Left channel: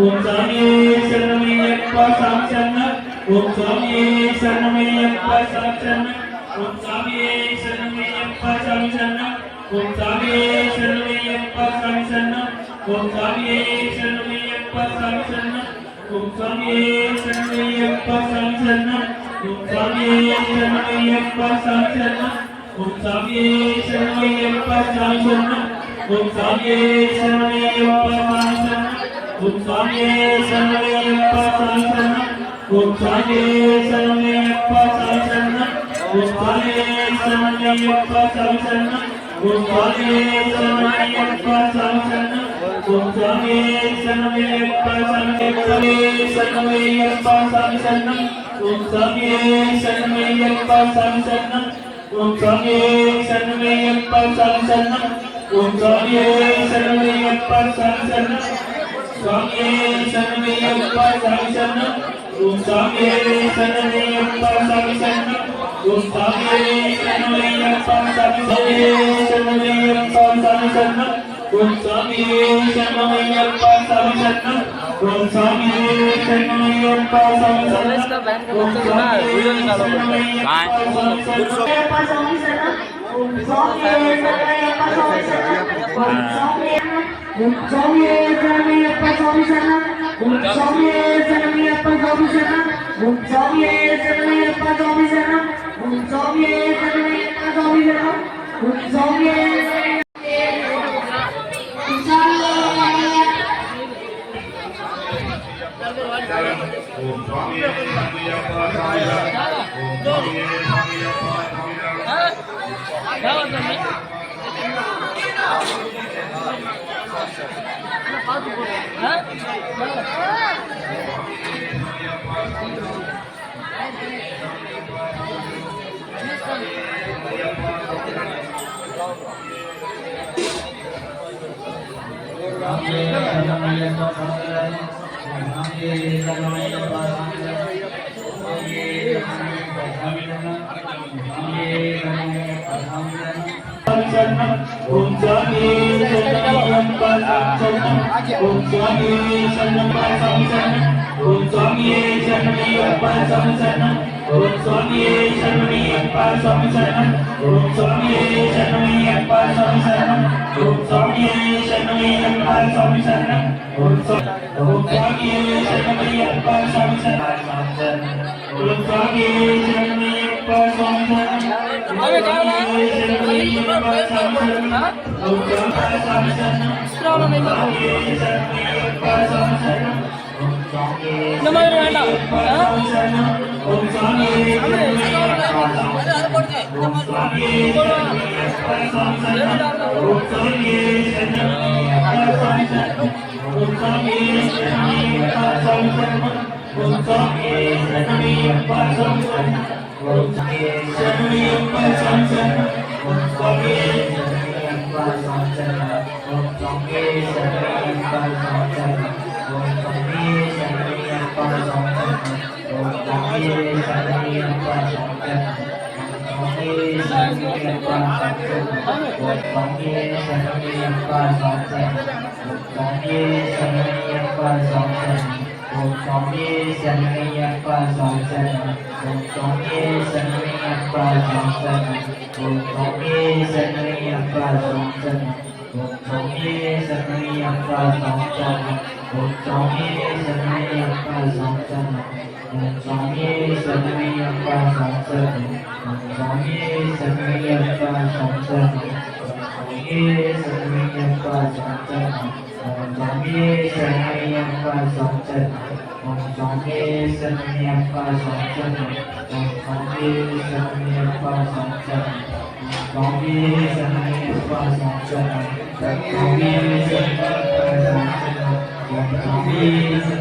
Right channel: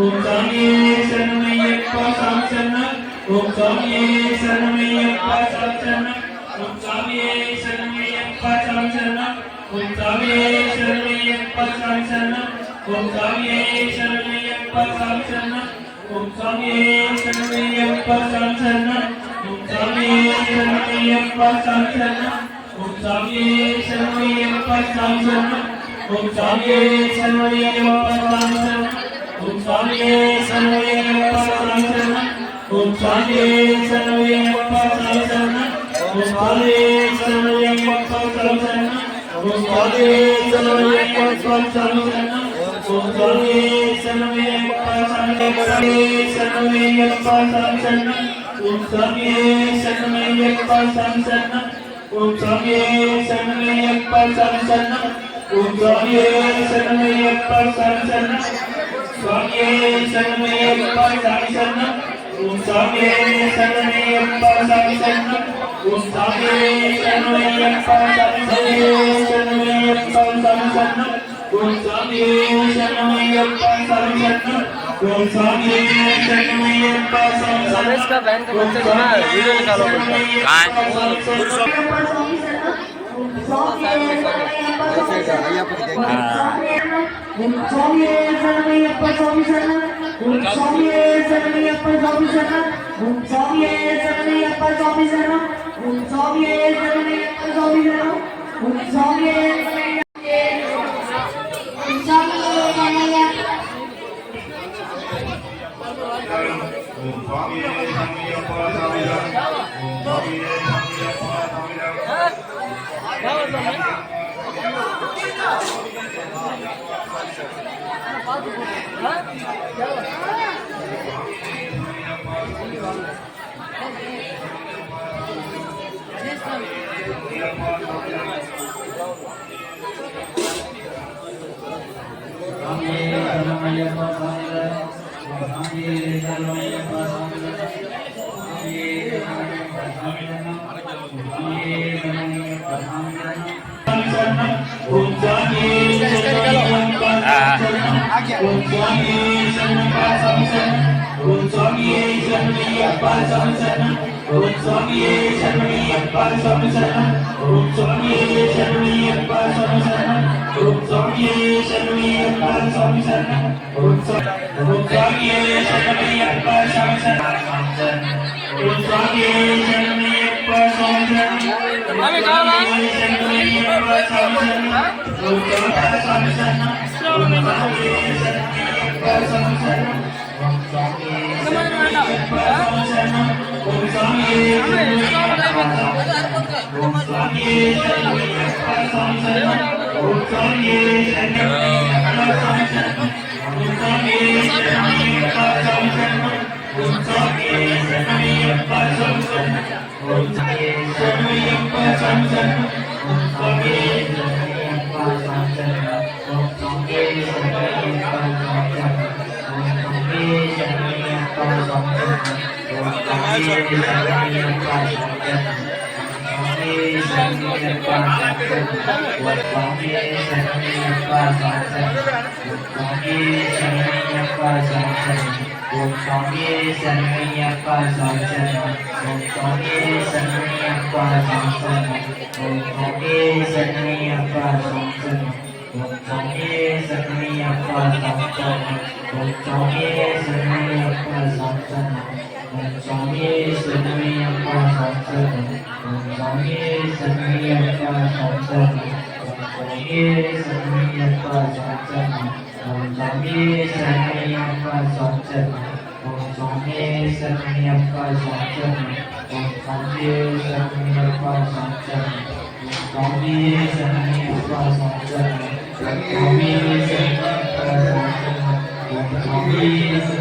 ஓம் சாமியே சரணமையப்பா சாமி சரணம் ஓம் சாமியே சரணமையப்பா சாமி சரணம் ஓம் சாமியே சரணமையப்பா சாமி சரணம் ஓம் சாமியே சரணமையப்பா சாமி சரணம் ஓம் சாமியே சரணமையப்பா சாமி சரணம் ஓம் சாமியே சரணமையப்பா சாமி சரணம் ஓம் சாமியே சரணமையப்பா சாமி சரணம் ஓம் சாமியே சரணமையப்பா சாமி சரணம் ஓம் சாமியே சரணமையப்பா சாமி சரணம் ஓம் சாமியே சரணமையப்பா சாமி சரணம் ஓம் சாமியே சரணமையப்பா சாமி சரணம் ஓம் சாமியே சரணமையப்பா சாமி சரணம் ஓம் சாமியே சரணமையப்பா சாமி சரணம் ஓம் சாமியே சரணமையப்பா சாமி சரணமையப்பா சாமி சரணம் ஓம் சாமியே சரணமையப்பா சாமி சரணம் ஓம் சாமியே சரணமையப்பா சாமி சரணம் ஓம் சாமியே சரணமையப்பா சாமி சரணம் சுவாமியே சரணமையப்பா சாமி சரணம் ஓம் சாமியே சரணமையப்பா சாமி சரணம் ஓம் சாமியே சரணமையப்பா சாமி சரணமையப்பா சாமி சரணம் ஓம் சாமியே சரணமையப்பா சாமி சரணம் ஓம் சாமியே சரணமையப்பா சாமி சரணம் ஓம் சாமியே சரணமையப்பா சாமி சரணம் ஓம் சாமியே சரணமையப்பா சாமி சரணம் ஓம் சாமியே சரணமையப்பா சாமி சரணம் ஓம் சாமியே சரணமையப்பா சாமி சரணம் ஓம் சாமியே ஓம் சாமியே சரணமையப்பா ஓம் சாமியே சரணமையப்பா ஓம் சாமியே சரணமையப்பா சாமி சரணம் ஓம் சாமியே சரணமையப்பா சாமி சரணம் ஓம் சாமியே சரணமையப்பா சாமி சரணம்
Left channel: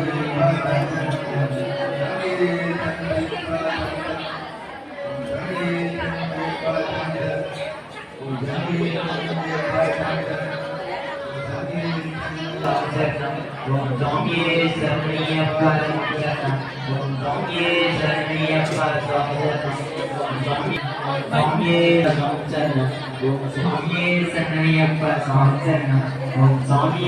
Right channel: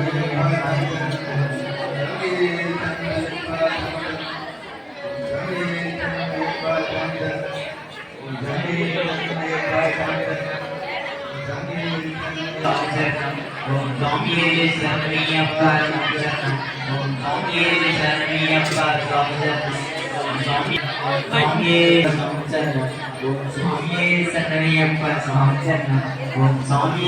ஓம் சாமியே சரணமையப்பா சாமி சரணம் ஓம் சாமியே சரணமையப்பா சாமி சரணம் ஓம் சாமியே சரணமையப்பா சாமி சரணம் Om Swami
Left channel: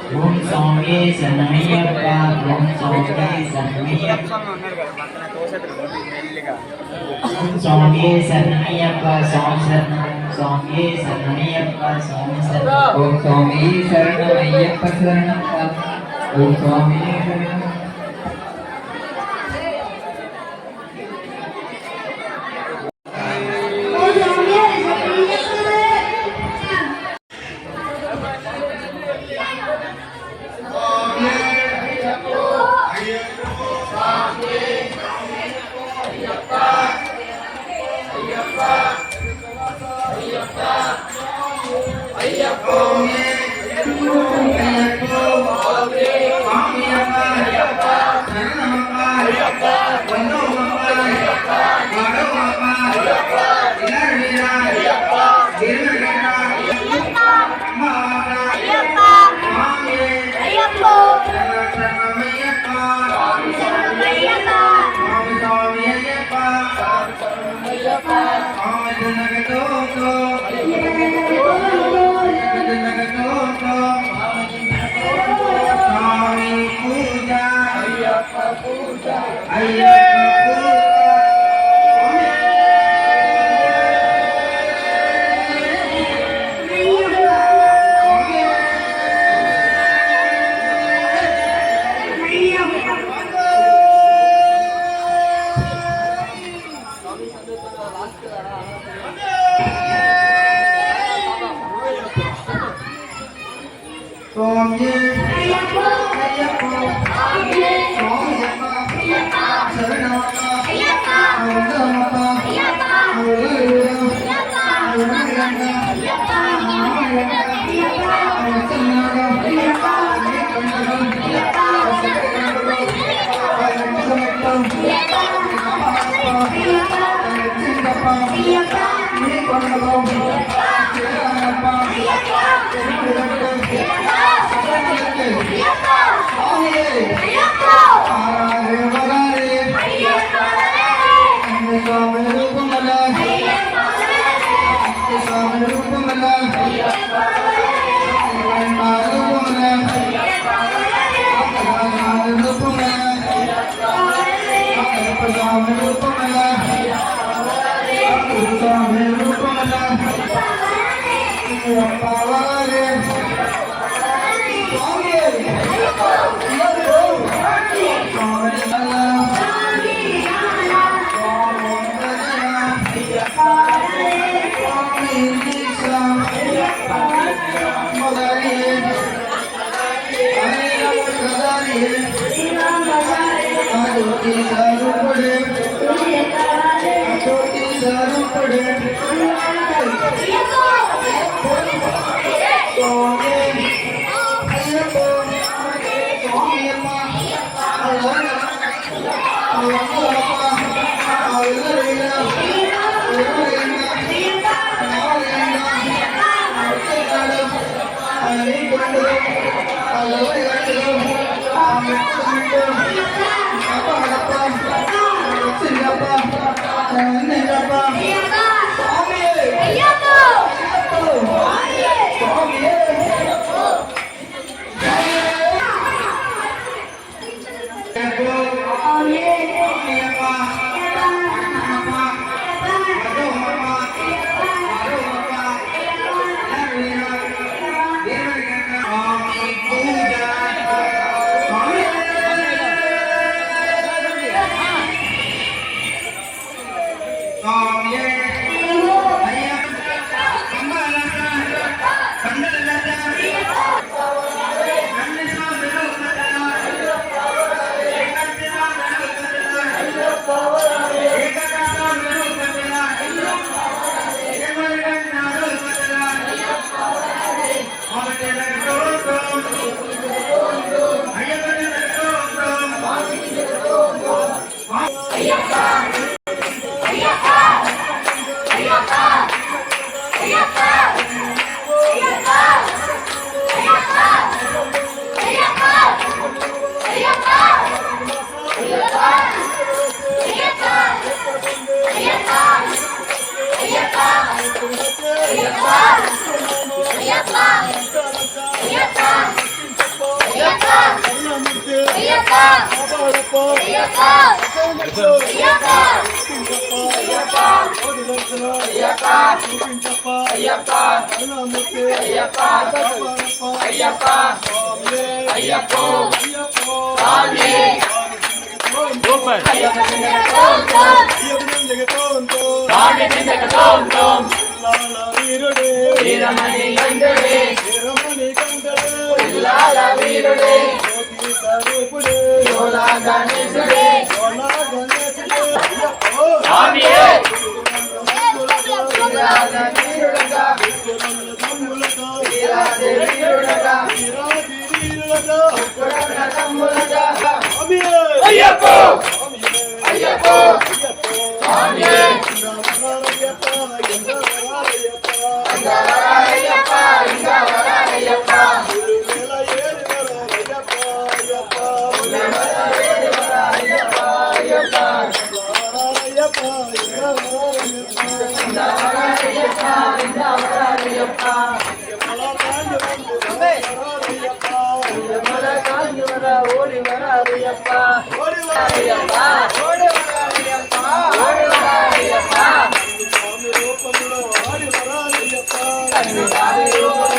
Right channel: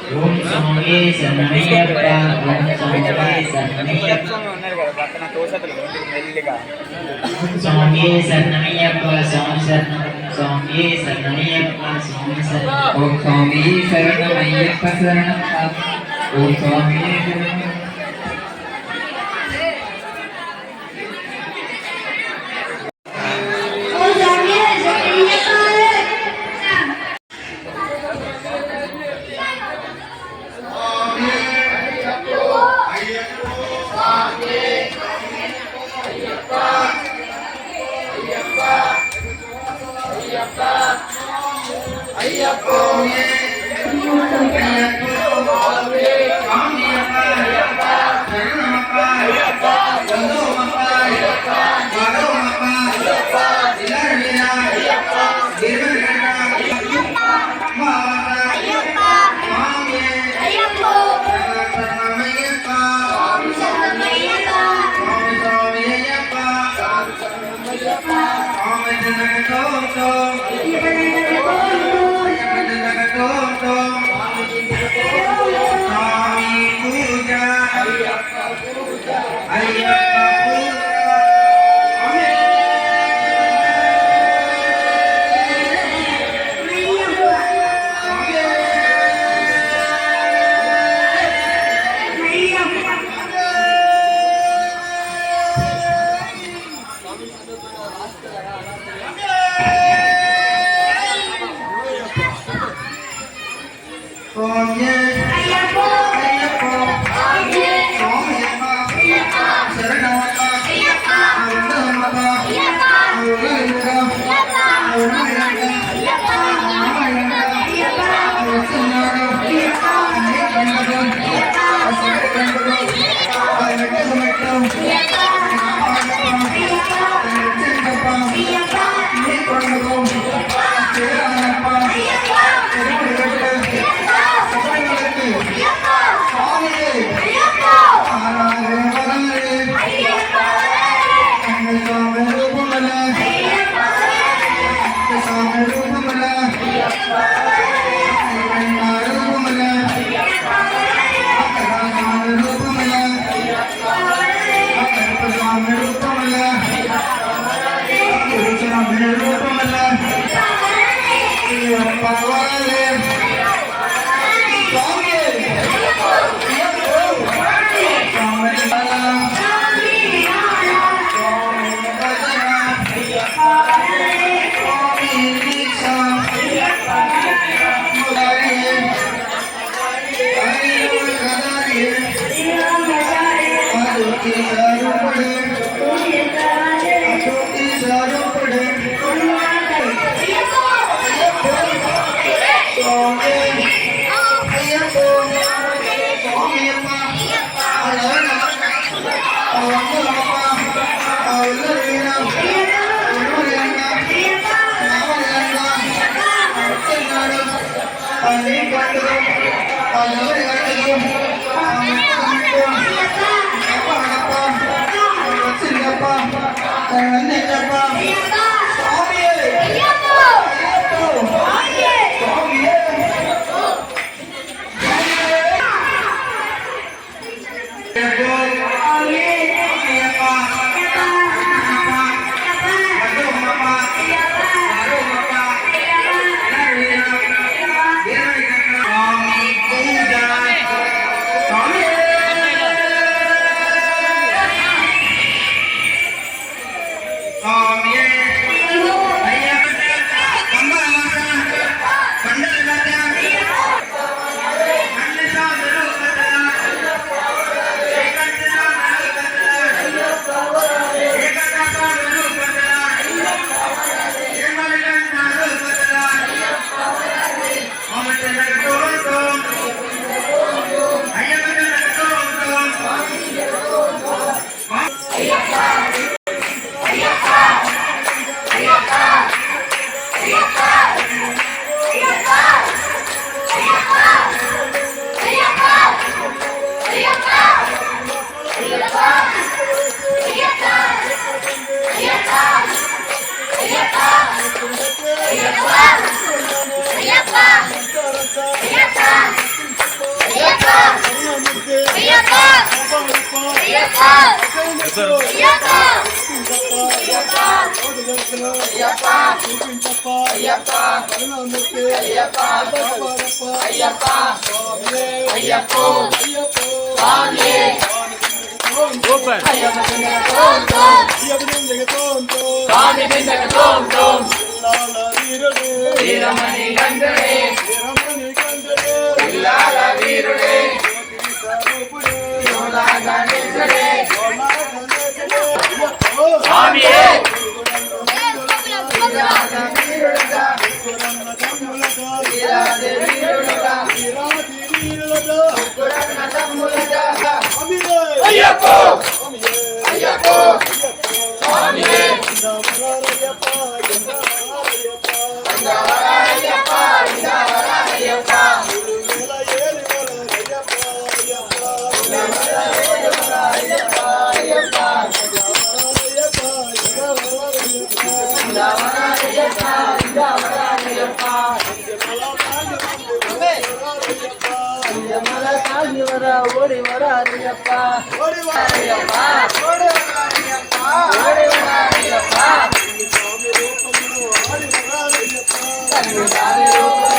சுவாமியே சரணமையப்பா ஓம் சுவாமியே சரணமையப்பா சுவாமியே சரணமையப்பா சுவாமி சரணம் சுவாமியே சரணமையப்பா சுவாமி சரணம் ஓம் சுவாமி சரணமையப்ப சரணம் ஓம் சுவாமியே சரணம் சூப்பர் வீரமணி கண்டே வீருடே சுவாமியே ஐயப்போ ஐயப்போ சுவாமியே ஓடி வராரியப்பா ஓடி வராரியப்பா ஓடி வராரியப்பா ஓடி வராரியப்பா சுவாமி ரூபம்லோ ஓடி வராரியப்பா சுவாமி ரூபம்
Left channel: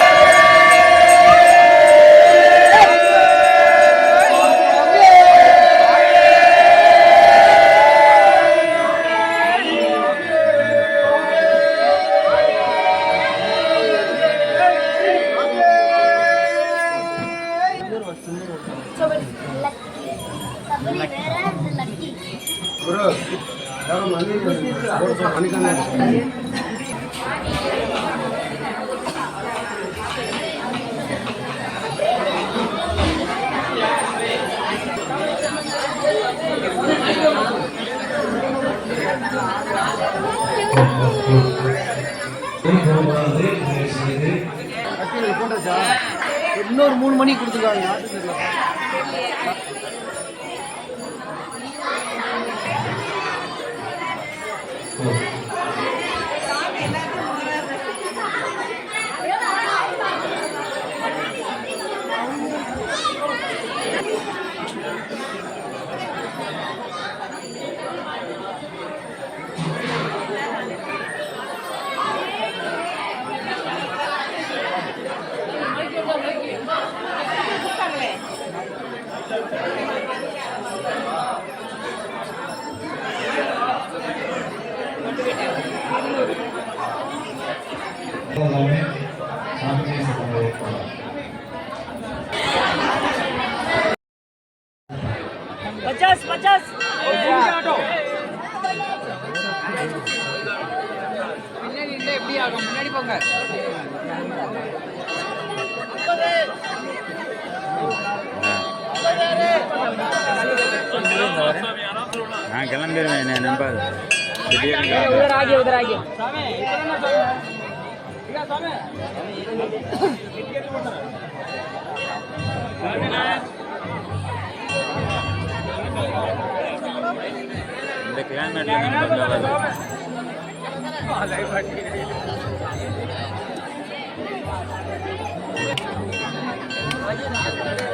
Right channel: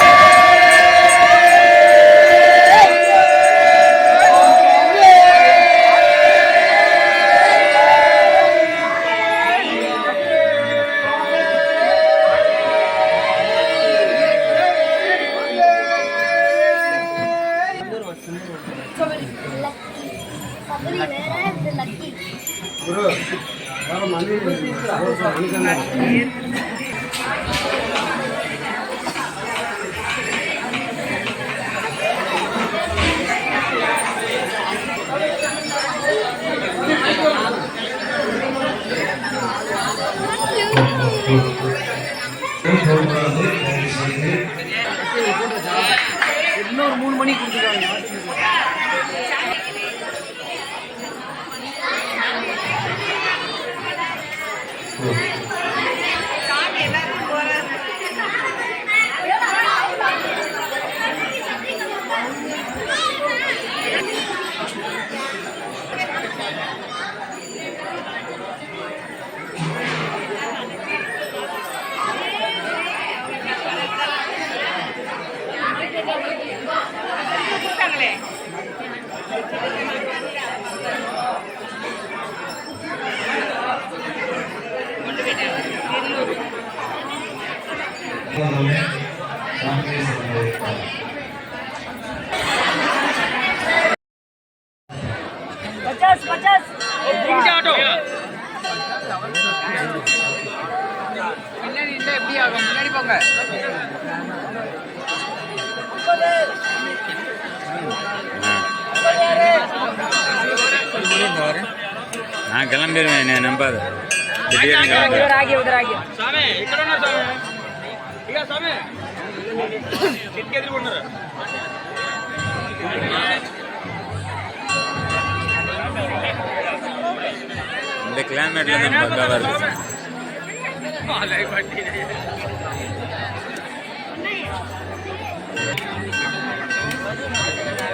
இன்னொரு 3 மணி கொடுத்துருக்காங்க. எப்படி ஆகும் முன்னாடி போங்க. நான் கிளம்பிடுவேன் என்ன நம்பாது இந்த கிளைமேட்ல நம்ம வருது Thank you.